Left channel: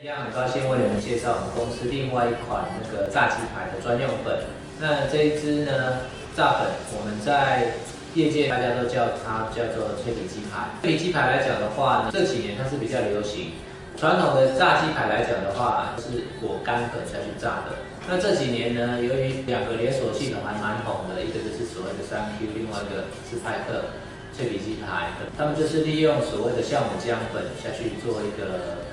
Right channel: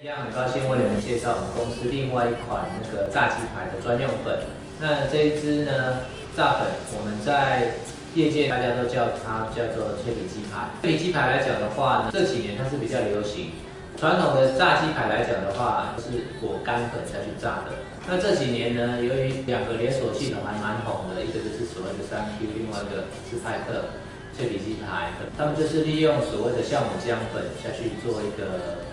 一样很高兴为你们介绍我们公司另外一款那个炸鸡排的专用粉。那这一支呢，炸粉我们在业界大家都叫它叫做脆皮鸡排。脆皮鸡排来讲的话呢，这几年它是比较流行。传统的炸鸡排来讲的话，是裹干粉下去炸的。那这几年呢，由于两个连锁系统还蛮红的，一个就是所谓的3Q， 另外一个是派克脆皮鸡排，他们就是利用所谓的酵母浆粉下去做一个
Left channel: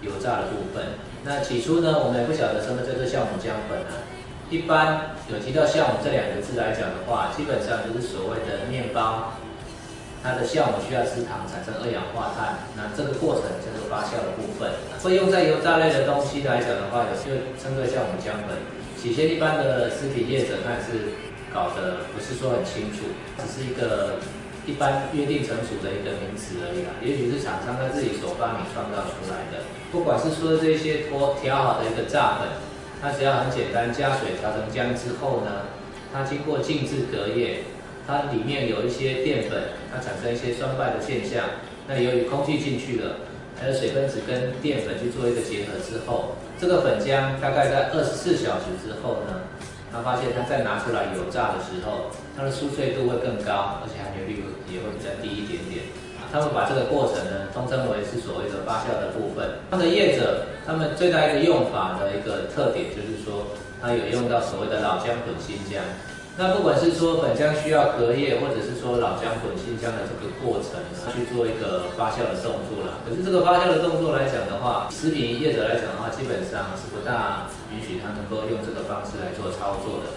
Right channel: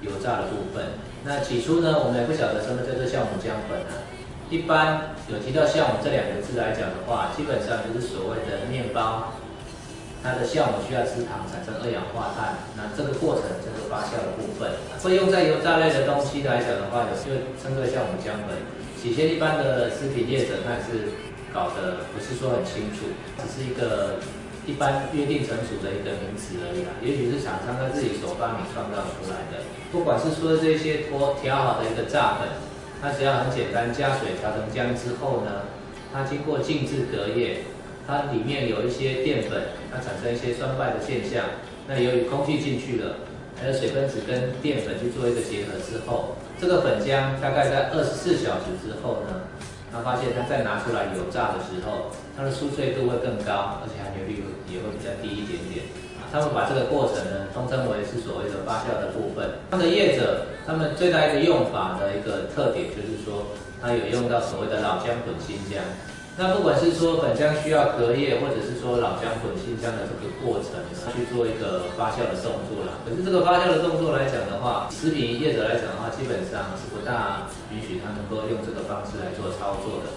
油炸的部分。那起初呢，我们也不晓得什么叫做酵母浆粉啊。一般有提到酵母这两个字来讲的话，基本上就是所谓的面包，它的酵母需要吃糖产生二氧化碳，那这个过程就是发酵的部分。会用在油炸类的东西来讲的话，有就称作酵母浆粉。起先一般的食品业者那是搞得不是说很清楚，只是一个一般约定成熟的一个名词而已啦，也许是厂商他自己所发明创造出来的。不管是说这些调好的一个炸粉，它只要很简单，加水调成浆之后呢，它经过静置隔夜，它里面有一些淀粉，它产生一些酸败的现象。那由于空气进去了，还有水分子跟淀粉去做一个结合之后，这个粉浆大概在24小时之后呢，他发现它再拿出来油炸的时候，它的酥脆度会更高，而且含油率也会比较低一点点。他们把这个过程呢，通称为是所谓的发酵的部分。他们的业者，他们最大一个用法的一个特点就是说，它有用到所谓的老姜混新姜。那不管是说粉浆需要隔夜，或者是说老姜混新姜的这个过程，去做一个发酵的动作啦。可是这个发酵的动作来讲的话，食品业者来讲的话，基本上是不大允许他能够用这个方式来做操作的。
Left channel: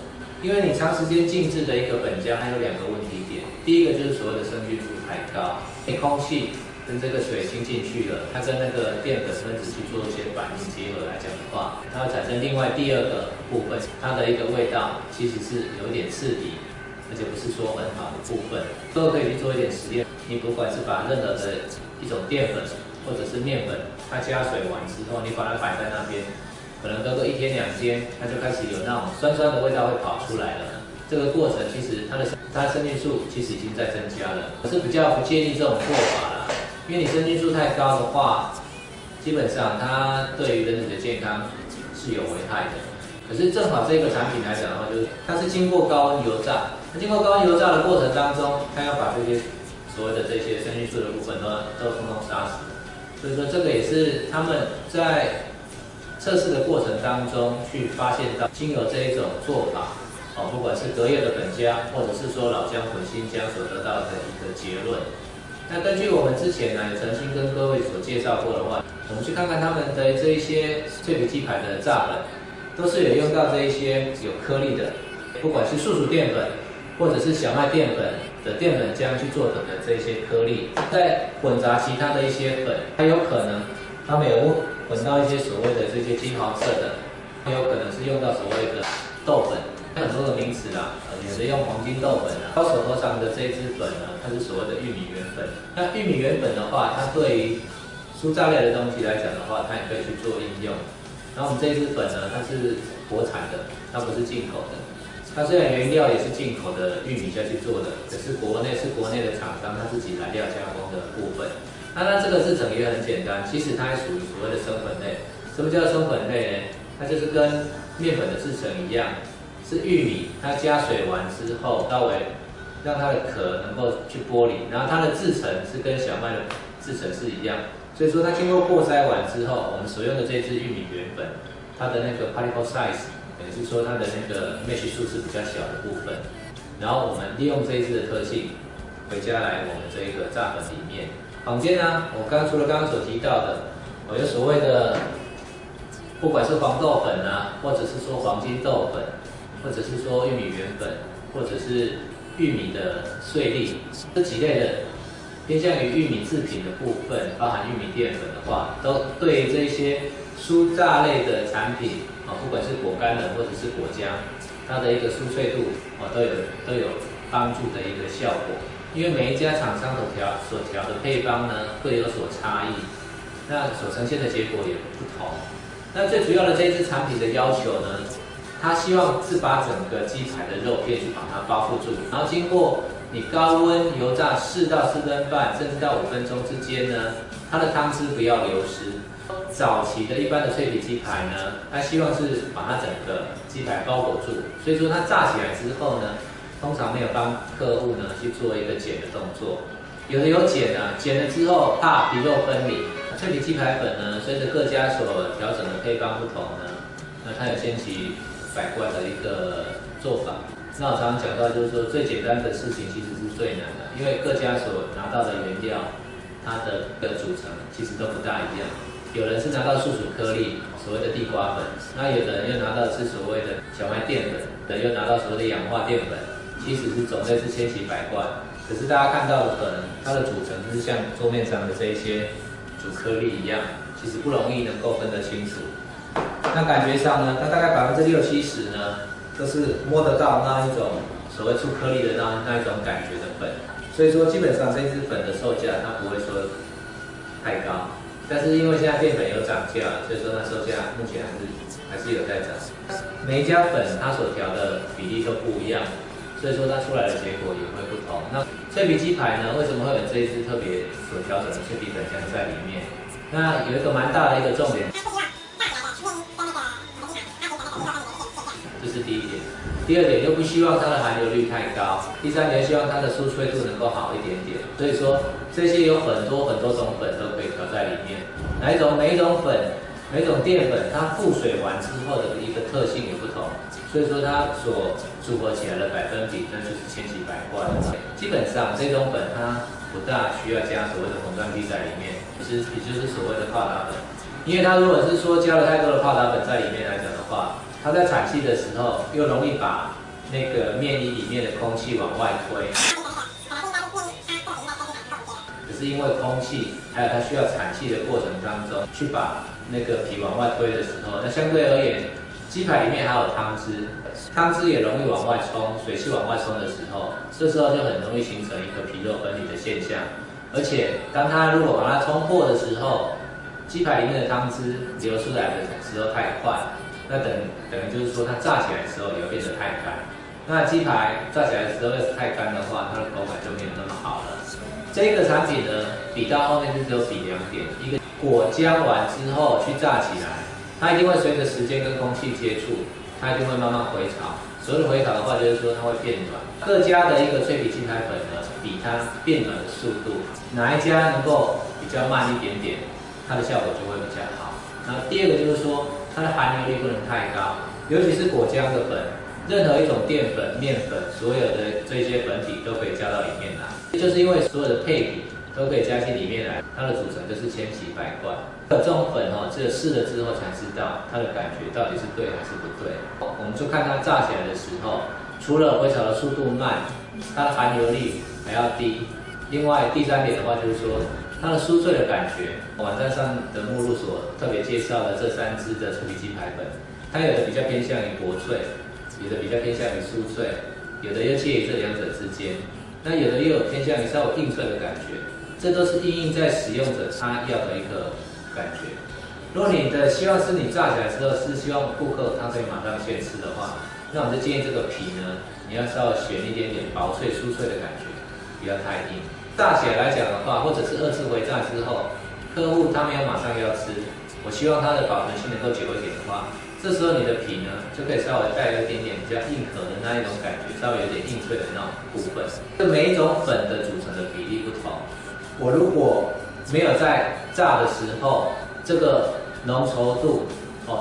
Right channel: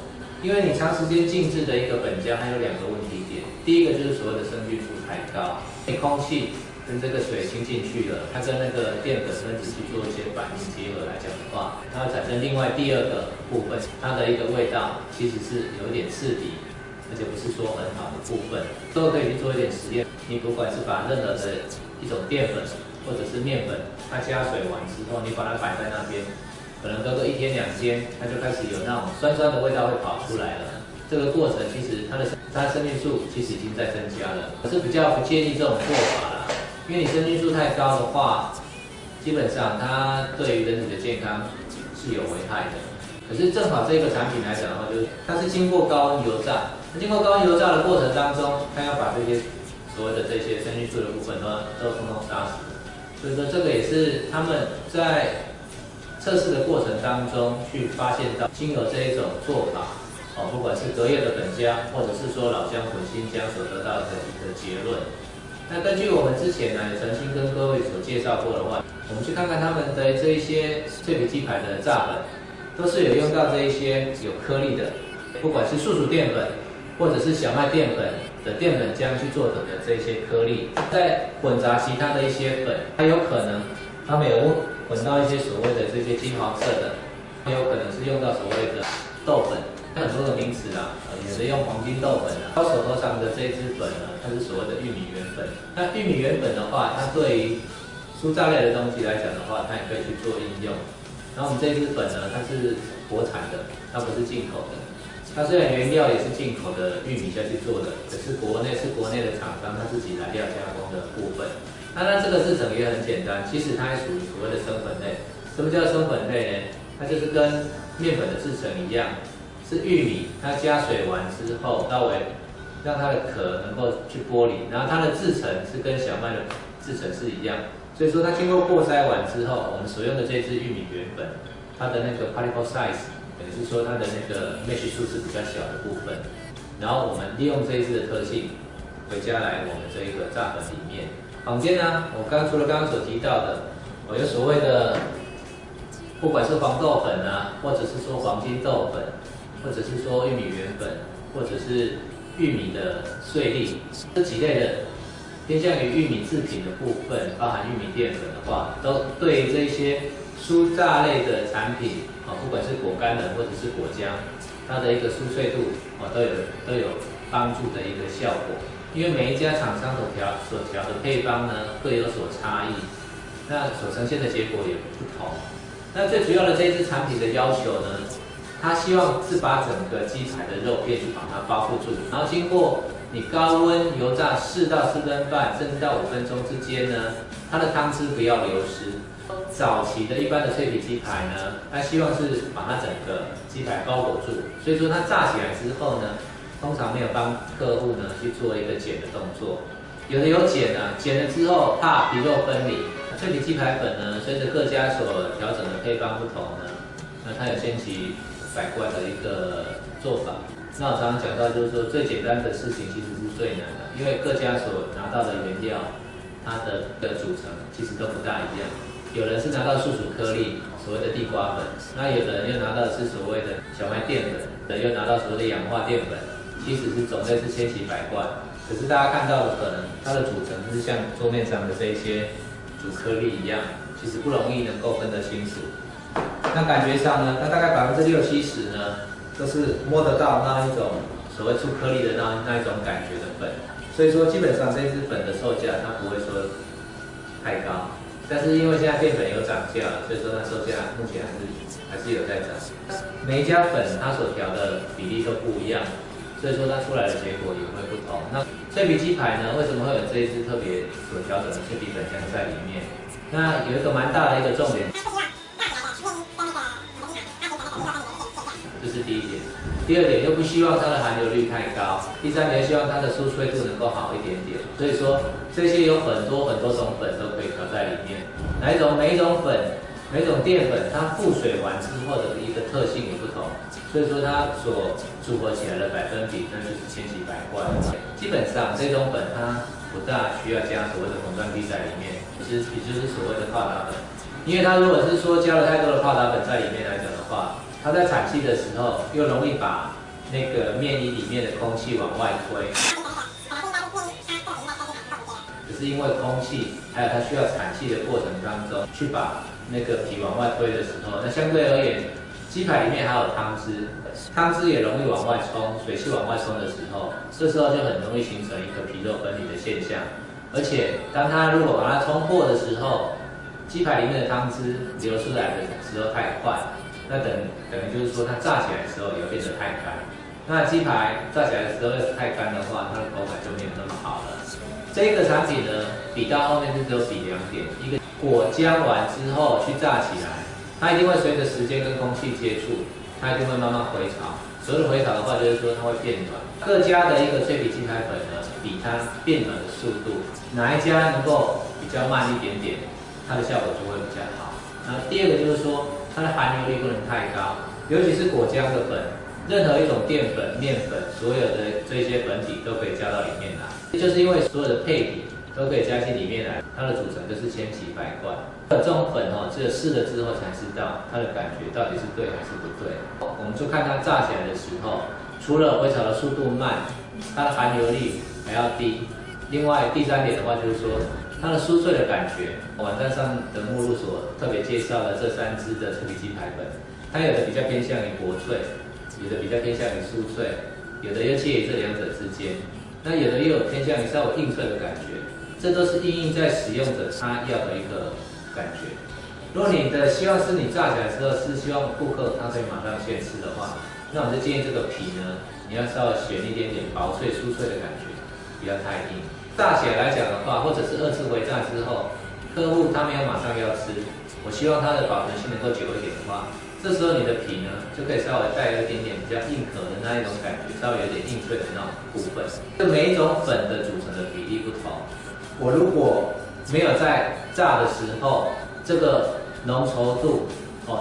因为你长时间静置的一个粉浆，它有两个问题点。第一个就是所谓的生菌数太高，空气跟这个水侵进去了，它跟那个淀粉分子去做一些反应结合来讲的话，它会产生另外第二个部分，它的一个味道其实是有点刺鼻，而且不是说很好的部分。都可以去做一点实验，你不管是把任何的一种淀粉或者是面粉，它加水完之后，你把它摆在那边，可能隔个1天2天，它就开始有那种酸酸的味道会跑出来了。这个过程其实它的生菌数其实已经在增加了，可是比较不建议这种做法啦，因为你生菌数太高的话，基本上它对于人体的健康是有危害的。可是正好这个产品来讲的话，就是它是经过高温油炸，经过高温油炸的过程当中，它要把这些所谓的这些生菌素的部分都统统杀死。所以说这个也是他们在测试的过程当中去发现到，经由这一种做法。不管是隔夜的粉浆，或者是说老姜混新浆所得到的一个结论。那根据我们之前呢，也曾经跟各位所介绍过的话，我们去看看他们的这一些脆皮鸡排的炸粉，都是有用到这一些有颗粒的，不管是树薯淀粉，或者是小麦淀粉的淀粉浆去做的这些颗粒，再混杂其他的一些粉，还有可能他们有混到一些所谓的这些金黄色的，也有可能是用到所谓的豆粉。很多的名词啦，有的用黄金豆粉啊，我手头上的这一支粉呢，它是所谓的玉米圆粉。那玉米圆粉的话，它对于酥炸类的东西来讲的话，它也可以去做应用。然后我们这一支粉呢，它是国产的，它不是进口的。它虽然原料也是进口的玉米下去做的，可是国内的厂商他自己来料加工的部分。那这个制成也很简单，其实它还属于所谓的生粉类。什么叫生粉类呢？它就是跟面粉的制成一样。是玉米，它加水完之后，稍微让它的壳能够去剥离，然后它的制成是跟小麦的制成是一样，所以说它经过过筛完之后，我们所用的这支玉米圆粉，它的那个 particle size， 也就是说它的那个 mesh 数是比较小的部分，然后我们利用这一支的特性，回家来我们这个炸粉里面。坊间呢，除了刚刚所提到的，有所谓的，不管是黄豆粉啊，或者是说黄金豆粉。或者是说玉米圆粉，或者是玉米的碎粒，这几类的偏向于玉米制品的部分，包含玉米淀粉的话，都对这些酥炸类的产品不管是果干的或者是果浆，它的一个酥脆度都有帮助的一个效果。因为每一家厂商所调的配方呢各有所差异，那所呈现的结果也不同。那最主要的这一支产品的要求呢？他希望是把整个鸡排的肉片去把它包覆住，然后经过你高温油炸4到4分半，甚至到5分钟之间呢，它的汤汁不要流失。早期的一般的脆皮鸡排呢，它希望是把它整个鸡排包裹住，所以说它炸起来之后呢，通常没有帮客户呢去做一个剪的动作。有的有剪啊，剪了之后怕皮肉分离。脆皮鸡排粉呢，随着各家所调整的配方不同呢，那它有千奇百怪的一个做法。那我常常讲到，就是说最简单的事情其实是最难的，因为各家所拿到的原料，它的组成其实都不大一样。有人是拿到素薯颗粒，所谓的地瓜粉，那有的人又拿到是所谓的小麦淀粉，有人又拿到所谓的氧化淀粉，其实是种类是千奇百怪。可是大家看到的可能它的组成就是像桌面上的这一些主颗粒一样，其实不容易能够分得清楚。那感觉上呢，它大概60%-70%呢，都是摸得到那一种所谓粗颗粒的那一种感觉的粉。所以说基本上这支粉的售价它不会说太高。但是因为现在淀粉有涨价，所以说它售价目前还是有在涨。每一家粉它所调的比例都不一样，所以说它出来的结果也会不同。那脆皮鸡排呢，为什么会有这一支特别所调整的脆皮粉浆在里面？那有一个蛮大的一个重点，这是第一点。第二点，又不希望它的含硫率太高。第三点，希望它的酥脆度能够好一点点。所以说，这些有很多种粉都可以调在里面。每一种粉、每种淀粉，它复水完之后的一个特性也不同。所以说，它所组合起来的百分比，那就是千奇百怪。基本上，这种粉它不大需要加所谓的红酸地在里面，也就是所谓的泡打粉。因为它如果是说加了太多的泡打粉在里面来讲的话，它在产气的时候又容易把那个面衣里面的空气往外推，只是因为空气还有它需要产气的过程当中，去把那个皮往外推的时候，那相对而言，鸡排里面还有汤汁，汤汁也容易往外冲，水汽往外冲的时候，这时候就很容易形成一个皮肉分离的现象。而且当它如果把它冲破的时候，鸡排里面的汤汁流出来的时候太快。那等于就是说，它炸起来的时候也会变得太干。那鸡排炸起来的时候要是太干的话，它的口感就没有那么好了。这个产品呢，比到后面就只有比2点：一个果浆完之后去炸起来，它一定会随着时间跟空气接触，它一定会慢慢回潮。所谓的回潮的话，就是说它会变软。各家的一个脆皮鸡排粉呢，比它变软的速度，哪一家能够比较慢一点点，它的效果就会比较好。那第二个就是说，它的含硫率不能太高，尤其是果浆的粉，任何一种淀粉、面粉，所有的这些粉体都可以加到里面来。就是因为所有的配比都可以加进里面来，它的组成就是千奇百怪。这种粉只有试了之后才知道它的感觉到底是对还是不对。我们就看它炸起来的时候，除了回潮的速度慢，它的含硫率还要低。另外第3点的话就是说，它的酥脆的感觉，网站上的目录所特别介绍的这3支的脆皮鸡排粉，它有的比较偏向于薄脆，有的比较偏向于酥脆，有的又介于这2者之间，那有的又有偏向于稍微硬脆的感觉，这都是因应在使用者他要的一个感觉。如果你的希望是你炸起来之后是希望顾客他可以马上现吃的话，那我们就建议这个皮呢，你要稍微选一点点薄脆酥脆的感觉，不要太硬。炸起来来讲的话，或者是2次回炸之后，客户他没有马上要吃，我希望它的保存性能够久一点的话，这时候你的皮呢就可以稍微带有一点点比较硬壳的那一种感觉，稍微有点硬脆的那种部分。这每一种粉的组成的比例不同，我如果没有在炸的时候，这个浓稠度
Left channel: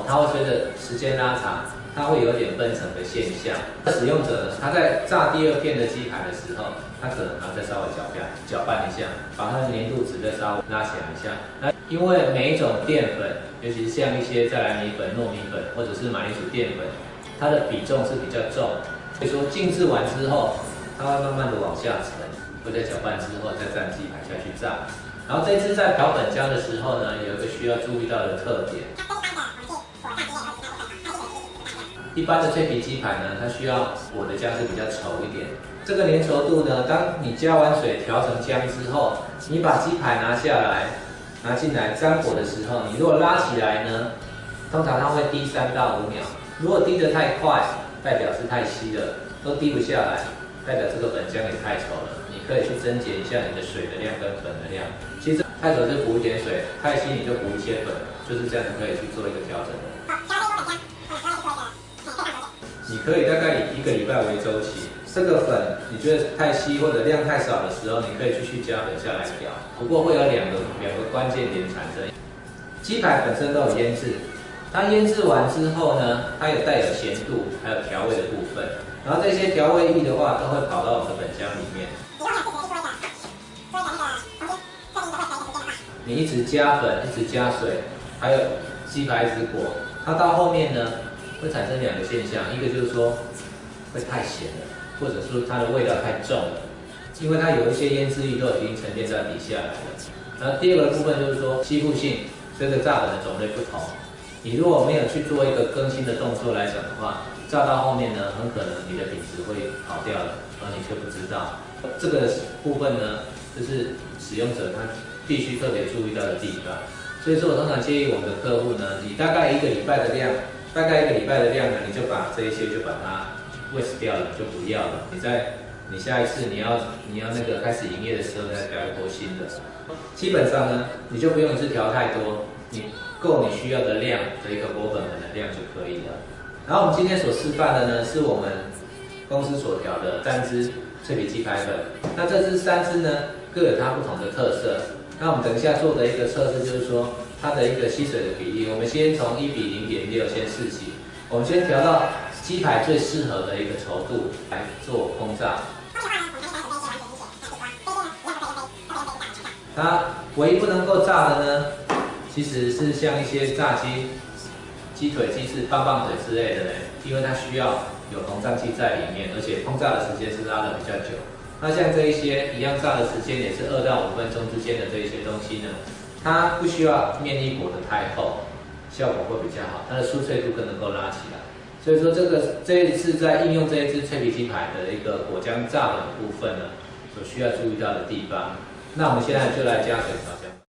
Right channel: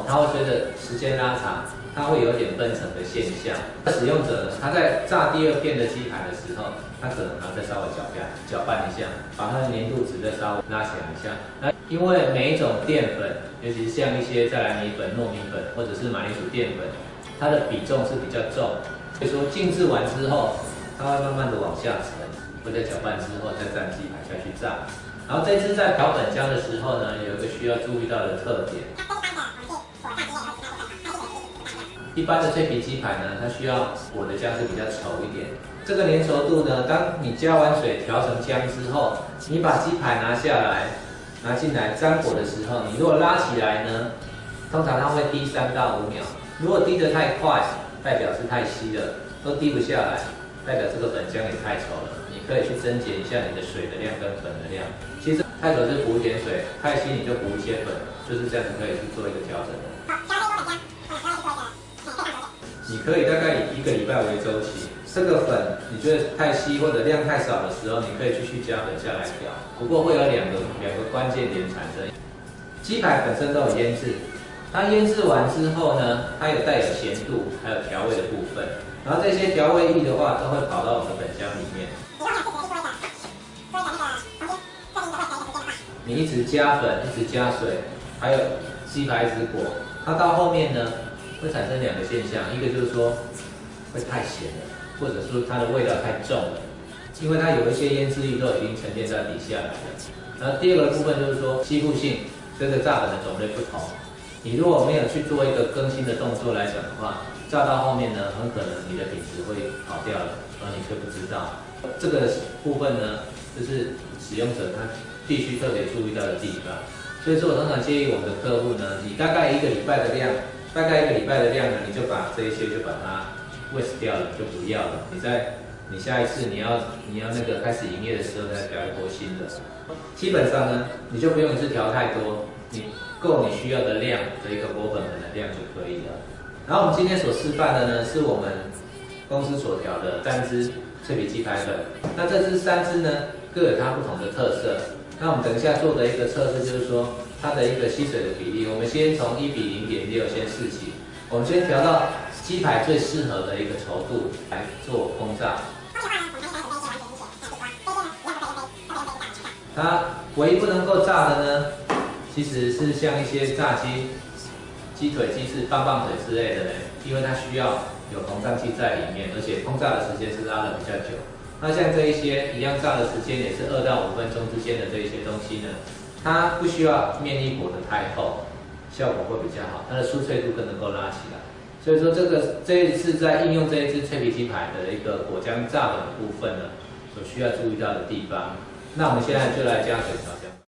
它会随着时间拉长，它会有点分层的现象。使用者呢，他在炸第2片的鸡排的时候，他可能还要再稍微搅拌一下，把它的粘度值再稍微拉起来一下。那因为每一种淀粉，尤其是像一些再来米粉、糯米粉或者是马铃薯淀粉，它的比重是比较重，所以说静置完之后，它会慢慢的往下沉，会在搅拌之后再蘸鸡排下去炸。然后这次在调粉浆的时候呢，有一个需要注意到的特点。一般的脆皮鸡排呢，它需要裹的浆是比较稠一点。这个粘稠度呢，当你加完水调成浆之后，你把鸡排拿下来，拿进来沾裹的时候，你如果拉起来呢，通常它会滴3到5秒。如果滴得太快，代表是太稀了，都滴不下来。代表这个粉浆也太稠了，你可以去增减一下你的水的量跟粉的量。其实太稠是补一点水，太稀你就补一些粉，就是这样子可以去做一个调整的。你可以大概以1个礼拜为周期，这个粉你觉得太稀或者量太少的时候，你可以继续加粉下来调。不过会有两个关键点产生。鸡排本身都有腌制，它腌制完之后呢，它有带有咸度，还有调味的部分。然后这些调味液的话，都会跑到我们的粉浆里面。你一直加粉，一直加水，还有鸡排一直裹，它到后面呢会产生两个现象，一个就是说会太咸了，或者说它的味道太重了，因为它有一些腌制液都已经沉淀在底下来了。然后第二个部分就是说吸附性，这个炸粉的种类不同，你如果没有去做一个更新的动作来讲的话，炸到后面呢，很可能你的品质会跑掉了，而你却不知道。这个部分呢，就是使用者他必须特别注意到的地方。所以说我通常建议我们的客户呢，你大概1个礼拜的量，呢，你就把这一些就把它 waste 掉了，就不要了。你下一次你要那个开始营业的时候再调一波新的。基本上呢，你就不用一次调太多，你够你需要的量的一个裹粉粉的量就可以了。然后我们今天所示范的呢，是我们公司所调的3支脆皮鸡排粉。那这3支呢，各有它不同的特色。那我们等一下做的一个测试就是说，它的一个吸水的比例，我们先从1比0.6先试起。我们先调到鸡排最适合的一个稠度来做烹炸。它唯一不能够炸的呢，其实是像一些炸鸡腿、鸡翅、棒棒腿之类的呢，因为它需要有膨胀剂在里面，而且烹炸的时间是拉得比较久。那像这一些一样炸的时间也是2到5分钟之间的这一些东西呢，它不需要面衣裹得太厚，效果会比较好，它的酥脆度更能够拉起来。所以说这一次在应用这一支脆皮鸡排的一个果浆炸粉的部分呢，所需要注意到的地方。那我们现在就来加水调香。